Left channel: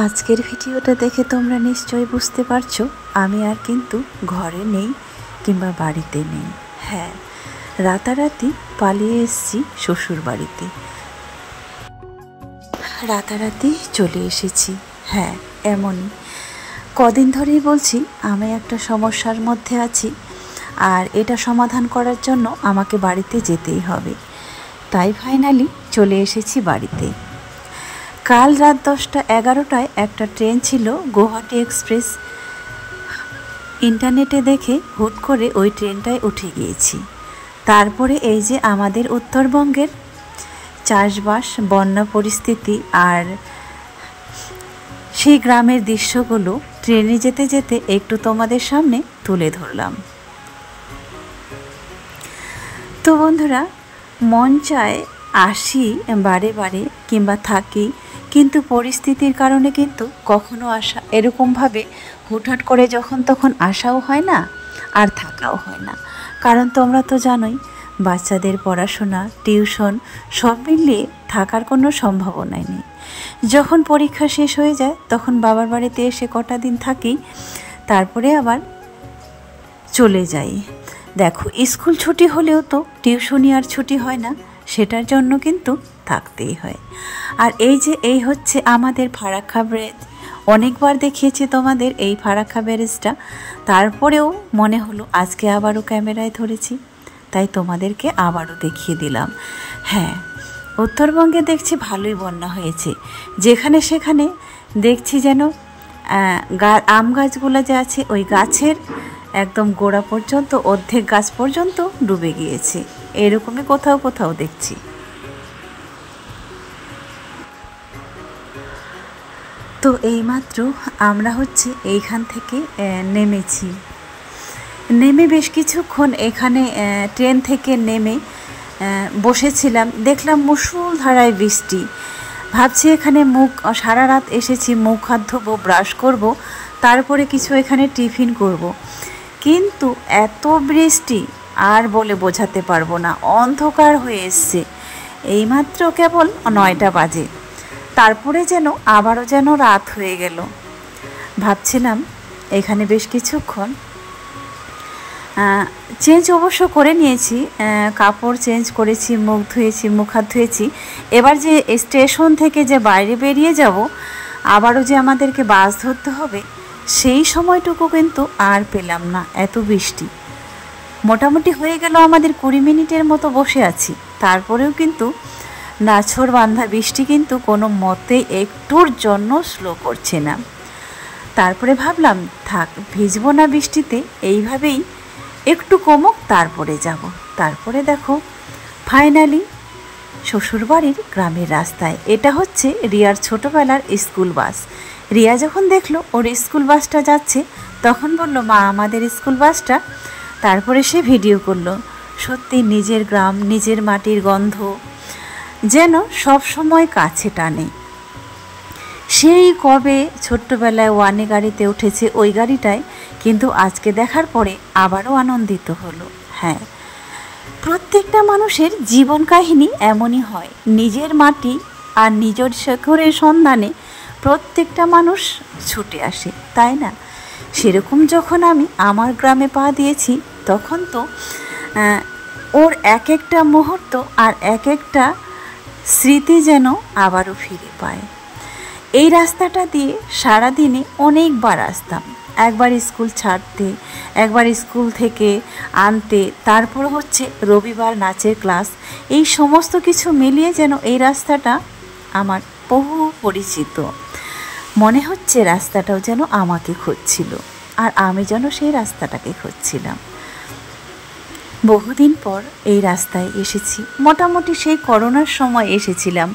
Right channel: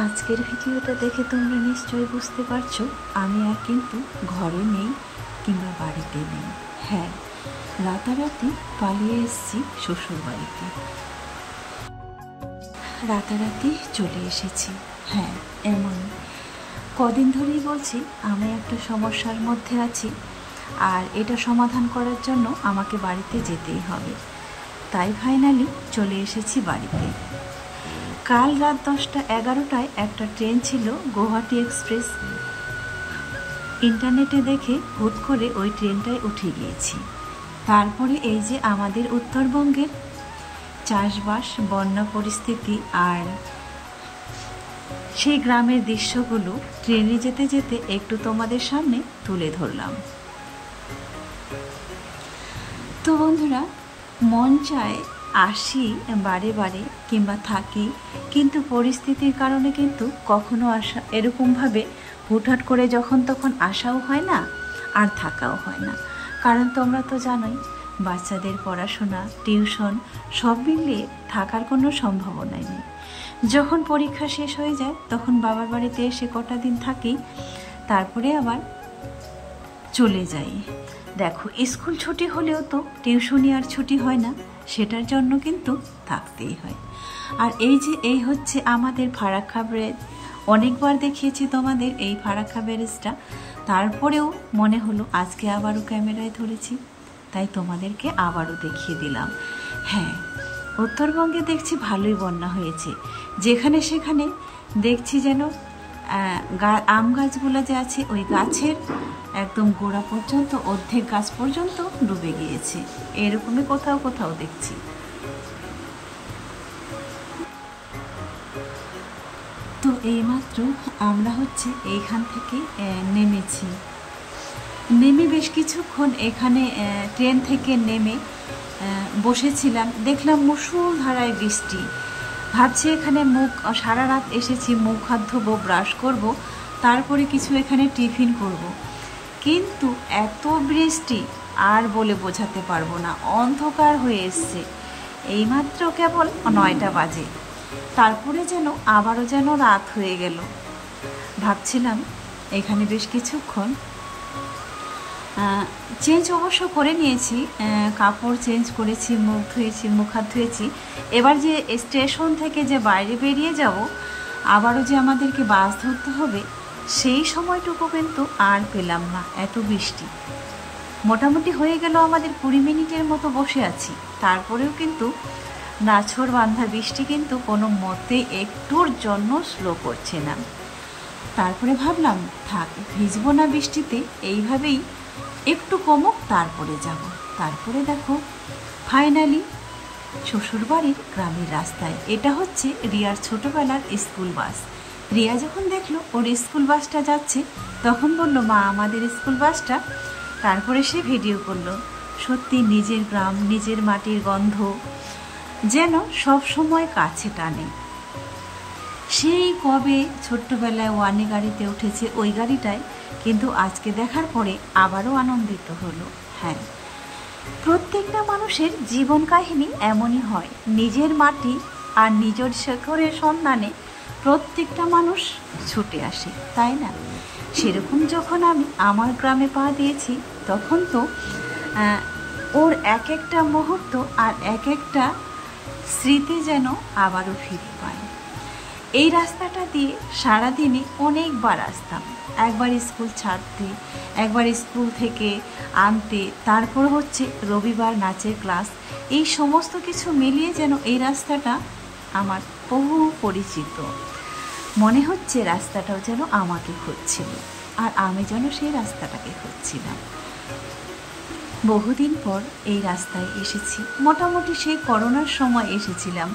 আজকের ভিডিওটা দেখে তোমরা নিশ্চয়ই বুঝতে পারছো আমি আর কিন্তু ঘরে নেই কিংবা বাড়িতে নেই। হ্যাঁ, রাতারাতি পালিয়ে এসেছি শ্বশুর বাড়িতে। রাতারাতি চলে এসেছি। হ্যাঁ, এমনই কদিন ধরেই বলছি আমি একটা সমস্যার মধ্যে আছি, আর এটা সমাধান করার জন্য আমাকে বাড়িতে যেতেই হবে। তাই ফাইনালি চলে এসেছি বাড়িতে। কাল রাত 10টা-11টায় একটা ট্রেন ছিল, গুয়াহাটি এক্সপ্রেস। ইন্টারনেটে দেখে হুট করে ওই ট্রেনটায় উঠে গিয়েছি। তারপরে এই যে আমাদের উত্তরবঙ্গের চাষবাস, বন্যা পরিস্থিতি আর সেই গ্রামের দৃশ্যগুলো ট্রেনে যেতে যেতে একটু তোমাদের সামনে তুলে ধরলাম। তো বন্ধুরা, মন চায় আসি বারে বারে কিংবা থাকি, কিন্তু পরিস্থিতির কারণে কিন্তু কখনো আসা এরকমভাবে হুটহাট করে যখন তখন আসাও হয় না আর থাকাও হয় না। কারণ তোমরা তো জানোই, বাচ্চাদের পড়াশোনা, টিউশন সব মিলিয়ে থাকার কোনো সম্ভাবনাই নেই। যখন পরীক্ষা শেষ হয়ে যায় তখন বাবার বাড়িতে এসে কটা দিন থাকি, তারপরে আবার চলে যাই। দেখো, স্কুল ছুটি হলেও তো টিউশনি আর ছুটি হয় না, সেটার জন্য কিন্তু থাকতেই হয়। আর এই হচ্ছে আমাদের ফারাক্কা ব্রিজ। অনেকবার দেখিয়েছি তোমাদের এই ফারাক্কা ব্রিজটা, তারপরেও মনে হলো আজকে আবারও ক্যামেরায় ধরেছি, তাই তোমাদেরকে আবারও দেখিয়ে দিলাম। হ্যাঁ, উত্তরবঙ্গে দেখছি ভালোই বন্যা হয়েছে। যেখানে সেখানে দেখছি যেন আম গাছগুলো যে আছে ওই গাছের একদম গোড়া পর্যন্ত, অর্ধেক গাছ পর্যন্ত ডুবে গিয়েছে। এরকমই কোথাও কোথাও দেখছি। তো এইমাত্র আমরা এইখান থেকে নেমেছি। নেমে বেশ কিছুক্ষণ এখানে ট্রেন থেকে নেমে বসেছিলাম। দেখলাম মুষলধারায় বৃষ্টি। ভাবছি এখানে সারা রাত এসেছি, মুখ হাত ধোবো, ব্রাশ করব, তারপরে কিছু এখানে টিফিন করব। কিন্তু এত বৃষ্টি আর বলে বোঝাতে পারবো না। অন্ধকার হয়ে এসছে। এইমাত্র কেবল 9টা বাজে, তারপরে যেন আবারও যেন রাত হয়ে গেল। ভাবছিলাম এখানে বেশ কিছুক্ষণ চেঞ্জ অবশ্য করে নিয়েছি, কাপড় চেঞ্জ করেছি, মুখ ধুয়েছি, মুখ হাত ধুয়েছি। এবার যে স্টেশন থেকে যে বাইরে বেরিয়ে যাব, আবারও যে আমাদেরকে বাস ধরতে হবে, সেই সময়টুকু কিন্তু আর পেলাম না। এত বৃষ্টি। মোটামুটি হয়ে গেল আমাদের 20 মিনিটের মতো বসে আছি, তারপরেও কিন্তু নাছোড় বান্ধা বৃষ্টি কিন্তু কোনো মতেই একটুর জন্য স্লো করছে না। তারপরে ভাবলাম থাক, ভিজবো না বৃষ্টিতে, এইভাবেই একটু কমুক তারপরে যাব। তারপরে দেখো ফাইনালি শ্বশুরবাড়ির গ্রামের রাস্তায়। এটা হচ্ছে রিয়ার ছোটোবেলার স্কুল বাস। রিয়া যখন দেখলো ওর স্কুল বাসটা যাচ্ছে, তখন বলল, মা, আমাদের স্কুল বাসটা। তারপরে সে ভিডিও করলো। সত্যি নিজের গ্রাম, নিজের মাটির গন্ধ যেন সব সময় কাছে টানে। সেই কবে ছোট্টবেলায় ওয়ানে গাড়িতে উঠেছে, ওই গাড়িটায়, কিন্তু আজকে দেখার পরে আবারও আনন্দিত হলো। হ্যাঁ, প্রত্যেকটা মানুষের জীবন কাহিনী এমনই হয়। নিজের মাটি আর নিজের শেখরের সন্ধানে প্রত্যেকটা মানুষ ছুটে আসে, তাই না? সেরকম যখন আমি আমার গ্রামে পা দিয়েছি, তখন তো ওর এক একটা মুহূর্ত আর এক একটা স্মৃতি যেন আবারও ফিরে পায়। এই রাস্তাটা দিয়ে সারাদিনে অনেকবার আসতাম। একবার স্কুল ছাড়তে, একবার স্কুল থেকে আনতে, তারপর রবিবার নাচের ক্লাস। এই সমস্ত কিছু মিলিয়ে যেন এই রাস্তাটা আমার বহু পরিচিত। মনে হচ্ছে রাস্তাটাও যেন আমাকে খুঁজছিল, আর আমি যেন সেই রাস্তাটাকে খুঁজছিলাম। বহুদিন পর এই রাস্তায় এসেছি। মোটামুটি সেই করোনার সময় এসেছিলাম।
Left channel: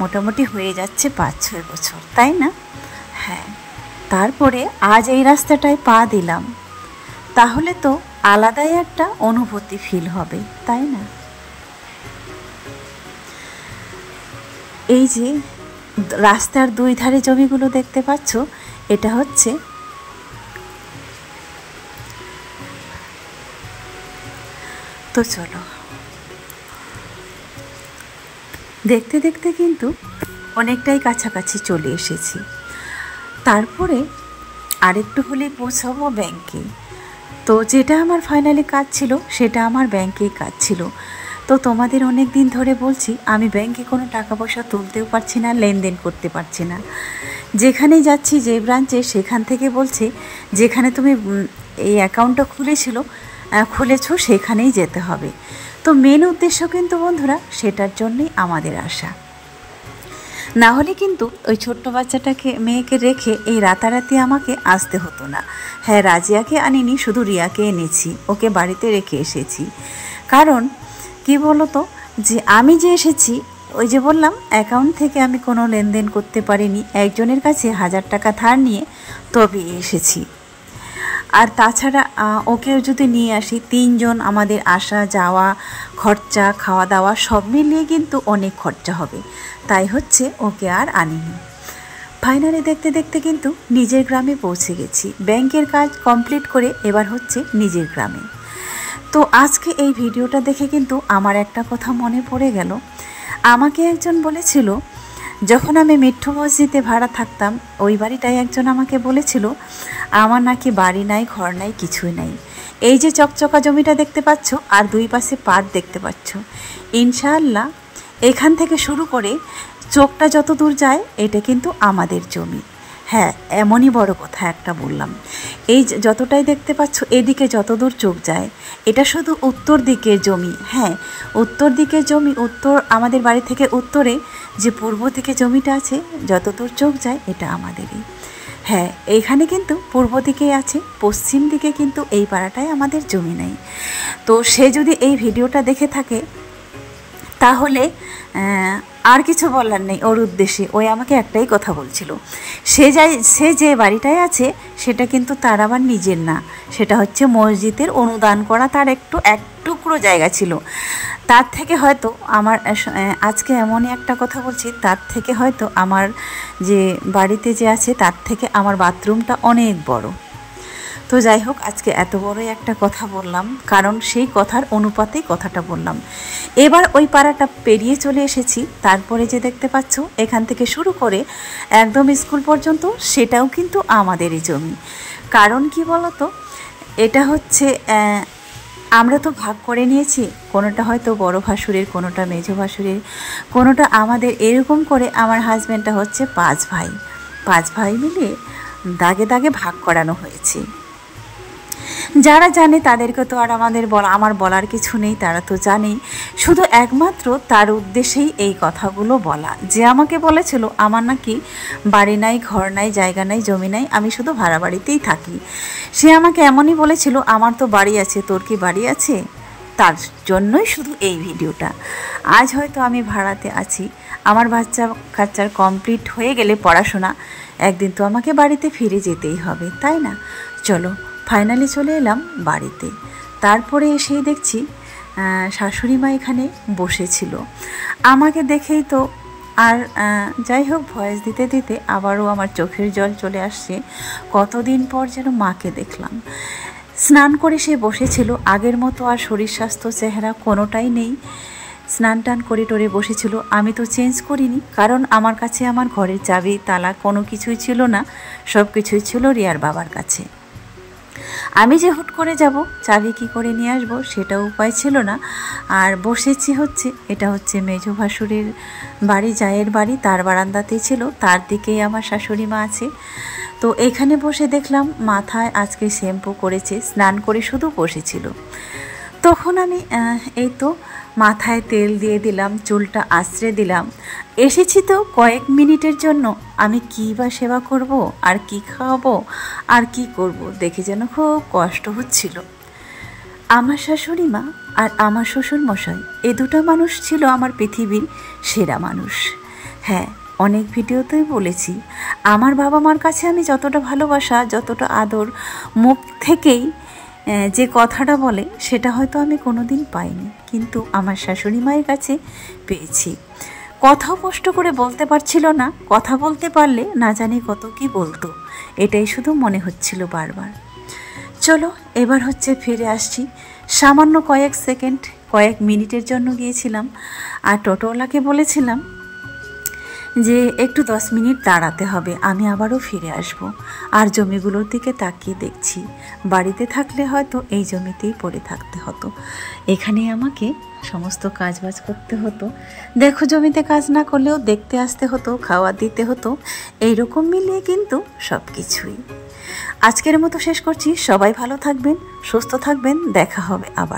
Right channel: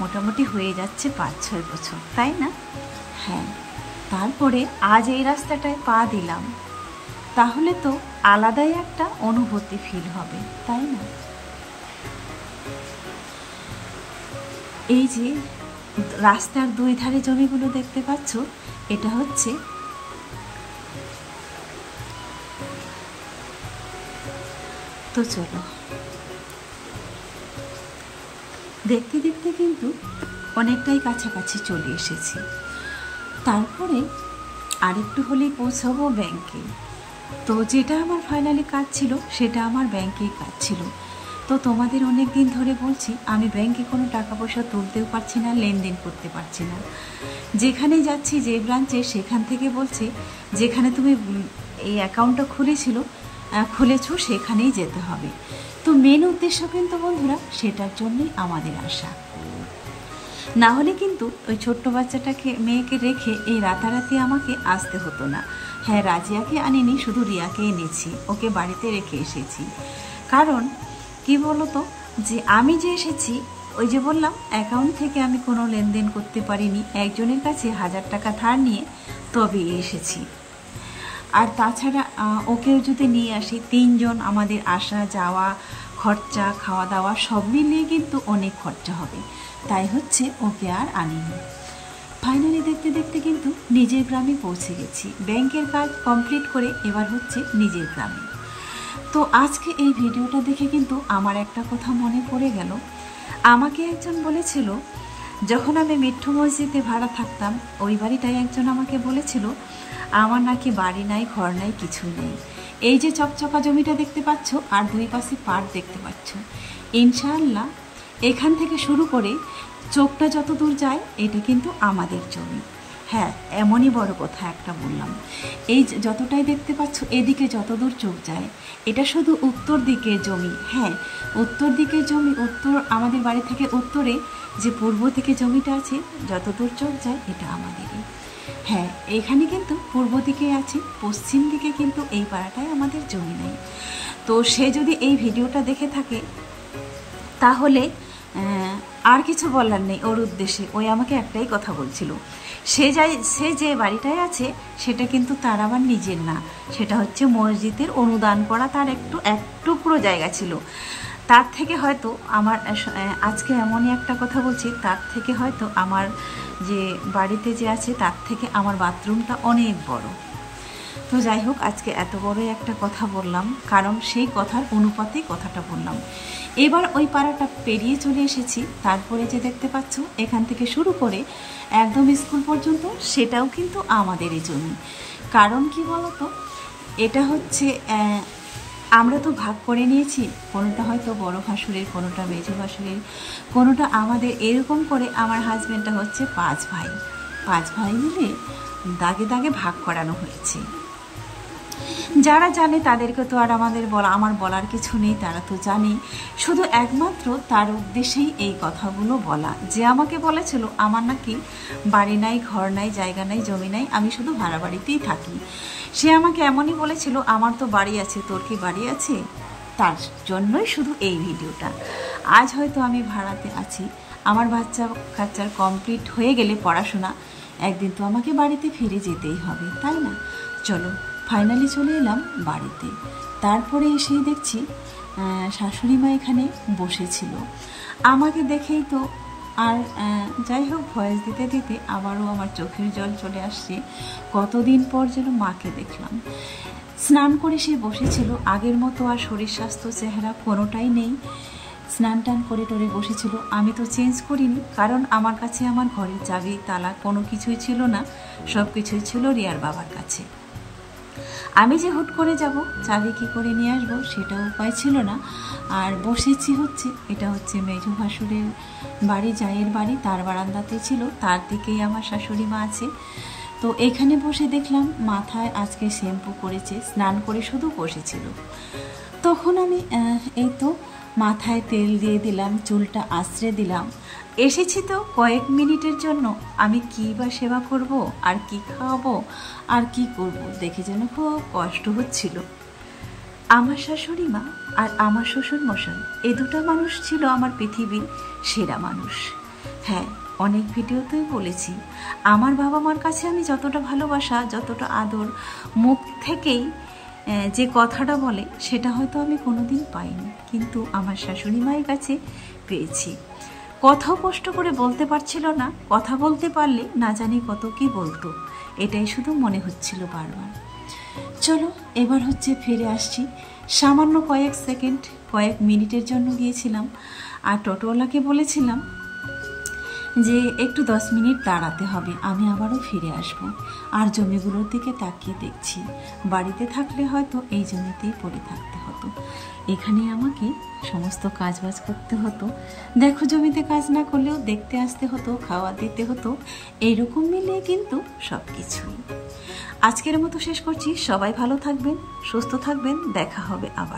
মোটামুটি হয়ে যাচ্ছে 5-6 বছর, তাই না? হ্যাঁ, তারপরে আজ এই রাস্তাটায় পা দিলাম, তাহলে তো আলাদাই একটা অনুভূতি ফিল হবে, তাই না? এই যে রাস্তার দুই ধারে জমিগুলো দেখতে পাচ্ছ, এটা হচ্ছে তো চলো, দেখতে দেখতে কিন্তু অনেকটাই কাছাকাছি চলে এসেছি। তারপরে আরেকটু হলেই পৌঁছাবো ব্যাংকে। তো যেটা আমার ফাইনালি কাজ ছিল সেটা আমার ব্যাংকেই কাজ ছিল। তো তোমাদের অনেক দিন ধরে বলছি আমি ব্যাংকে কোনো টাকা পয়সা তুলতেও পারছি না, লেনদেন করতে পারছি না। যেখানেই যাচ্ছি যে ব্রাঞ্চে, সেখান থেকে বলছে যেখানে তুমি এই অ্যাকাউন্টটা খুলেছো সেখানেই যেতে হবে। তো মেন উদ্দেশ্য কিন্তু বন্ধুরা সেটার জন্যই আমাদের আসা। না হলে কিন্তু ওই ছোট্ট মেয়েকে রেখে এই রাতারাতি আমাকে আসতে হতো না। হ্যাঁ, রাজিয়াকে আনিনি, শুধু রিয়াকে এনেছি, ওকে বাড়িতে রেখে এসেছি। কারণ কি বলতো, যে আমি যে এসেছি, ওই যে বললাম অ্যাকাউন্ট থেকে আমি কোনো লেনদেন করতে পারিনি, একজনের কাছে 1000 টাকা ধার নিয়ে তবে এসেছি। আর তাছাড়া ওকেও যদি নিয়ে আসি, 3 জন আমাদের আসা যাওয়া খরচা খাওয়া দাওয়া সব মিলিয়ে কিন্তু অনেক খরচা হবে, তাই হচ্ছে ওকে আর আনিনি। ফাইনালি দেখতে দেখতে কিন্তু নিজের গ্রামে পৌঁছে গেছি। ব্যাংকের কাজ কমপ্লিট করে এবার হচ্ছে নিজের গ্রামে। তো আজকে এই ভিডিওটা দেখে কিন্তু আমার একটা কথা মনে পড়ে গেল। আমাকে একজন বলেছিল, যখন আমি মিঠু মসজিদে ভাড়া থাকতাম, ওই বাড়িটায় একজন আমাকে বলেছিল আমার নাকি বাড়ি নাই, ঘর নাই, কিছুই নাই। এই যে চকচকা জমিটা দেখতে পাচ্ছ আর 2 পাশে পাট দেখতে পাচ্ছ, ইনশাআল্লাহ এখান থেকে শুরু করে চোখটা যত দূর যায় এটা কিন্তু আমাদের জমি। হ্যাঁ, এমনই বড় কথা একটা বললাম। এই যতটাই দেখতে পাচ্ছ, এদিকে যত দূর চোখ যায় এটা শুধু উত্তর দিকের জমি। হ্যাঁ, উত্তর দিকের জমি, আমাদের বাড়ি থেকে উত্তরে যে পূর্ব দিকে জমিটা আছে, যত দূর চোখ যায় এটা আমাদেরই। হ্যাঁ, এইখানে কিন্তু পূর্ব দিকে আছে, পশ্চিম দিকে কিন্তু এই পাড়াটায় আমাদের জমি নেই। তো সে যদি এই ভিডিওটা দেখে থাকে তাহলে আর কিছু বলার নেই ওর উদ্দেশ্যে। ওই আমাকে একটাই কথা বলছিল, সে যে বাড়িটায় আছে সেটা কিন্তু তার আবার নিজের না, সেটা হচ্ছে মসজিদের অনুদান করা, তার এক টুকরো জায়গা ছিল। তার থেকে হয়তো আমার আজকে এমনই একটা কথা বলছি, তার থেকে হয়তো আমার যে বাড়িতে যে আছে তার থেকে আমার বাথরুমটা অনেক বড়। তো যাই হোক, আজকে এত বড় একটা কথা বললাম কারণ সেই কথার অনুপাতেই কথাটা বললাম। এবার ওই পাড়াটা পেরিয়ে চলে এসেছি। তারপরে যে দেখতে পাচ্ছ এখান থেকে শুরু করে একদম স্কুল পর্যন্ত সেটাও কিন্তু আমাদেরই জমি। কারণ কি বলতো, এটা হচ্ছে আমরা তো ভাগ করে নিয়েছি, কোনোটা হয়তো বড় ভাসুরের, কোনোটা মেজো ভাসুরের, কোনোটা আমাদের, এরকম করে আমার হাজব্যান্ডটা হচ্ছে 5 ভাই মিলে দাগে দাগে ভাগ করানো হয়েছে। যারা জানে তাদেরকে তো আর আমার বলার কিছু নেই, তারা তো জানেই। শুধু একমাত্র তার উদ্দেশ্যেই এই কথাগুলো বলা, যে আমাকে বলেছিল আমার নাকি বাড়ি নাই, ঘর নাই, জায়গা নাই, জমি নাই, আমি শুধু ভাড়া বাড়িতেই থাকি। সে আমাকে এমনই বলেছিল, আমার তো বাড়ি আছে, তোর কি বাড়ি আছে? তার জন্যই শুধু এই ভিডিওটা। আজ হয়তো আমি ভাড়াতে আছি, আমার কাচ্চার কমপ্লিট হয়ে গেলে পড়াশোনা, একদিন তো আমাকে বাড়িতে ফিরে যেতেই হবে, তাই না? চলো, ফাইনালি চলে এলাম বাড়িতে। তারপরে এসেই দেখছি শাশুড়ি মা এখানে বসেছিল। আমাকে দেখেই তো আর যাই হোক, ভয়েস দিতে দিতে আবারও আমার চোখের জল চলে আসছে। কতদিন পর যেন মাকে দেখলাম। স্নান করে সে বসেছিল, আগের মতো আর শরীর স্বাস্থ্য চেহারা কোনোটাই নেই। স্নান টান করে টোরে বসেছিল। আমি তো চেঞ্জ করিনি, কারণ আমার কাছে আমার ঘরের চাবি তালা কোনো কিছুই ছিল না, সব কিছুই ছিল রিয়ার বাবার কাছে। আমি যে হুট করে যাব, চাবি কী করে নিয়ে আসবো সেটাও উপায় ছিল না। আর বসেছি হচ্ছে, এটা হচ্ছে মেজো ভাসুরের বাড়ি, জায়ের বাড়ি, তার বারান্দাতেই ছিল, তার দিকেই আমার শাশুড়ি মা আছে। তো এখানে বসে দেখলাম মাথায় আজকে শ্যাম্পু করেছে, স্নান করে শুধু বসেছিল। তখন আমি এই তো মাথায় তেল দিয়ে দিলাম, চুলটা আঁচড়ে দিলাম। এসেছি তো কয়েক মিনিটের জন্য, আমি কী বা সেবা করব, আর কি খাওয়াবো, আর কি করব, দেখে যেন খুব কষ্ট হচ্ছিল। আমার শাশুড়ি মা আর আমার শ্বশুর মশাই, এই দুটো মানুষ ছিল আমার পৃথিবীর সেরা মানুষ। হ্যাঁ, অনেক ভিডিওতেই বলেছি, আমার বাবা মার কাছে আমি যতটা ভালোবাসা, যতটা আদর মুখ থেকেই যে কথাটা বলে সেটা হয়তো আমি কোনোদিন পাইনি, কিন্তু আমার শাশুড়ি মায়ের কাছে পেয়েছি। কথাও কষ্ট করে বলতে পারছিল না, কথা বলতে পারলে না জানি কত কি বলতো, এটাই শুধু মনে হচ্ছিল বারবার। চলো, এবার হচ্ছে ফিরে আসছি। সামান্য কয়েক মিনিটের জন্য গিয়েছিলাম, আর টোটোওয়ালাকে বলেছিলাম যে একটু 10 মিনিট দাঁড়াতে হবে, আমি আবারও ফিরে আসব। আর জমিগুলোর দিকে তাকিয়ে দেখছি, বাড়িতে থাকলে হয়তো এই জমিতেই পড়ে থাকতে হতো, এখানে আমাকে সমস্ত কাজবাজ করতে হতো। দেখো, জমিতে কাজ না করলেও দেখতে আসতে হতো, খাওয়া দিতে হতো, এইরকম মিলিয়ে কিন্তু সব কিছুই। আজকের মতো শেষ করছি। সবাই ভালো থাকবেন, সুস্থ থাকবেন, দেখা হবে আবার।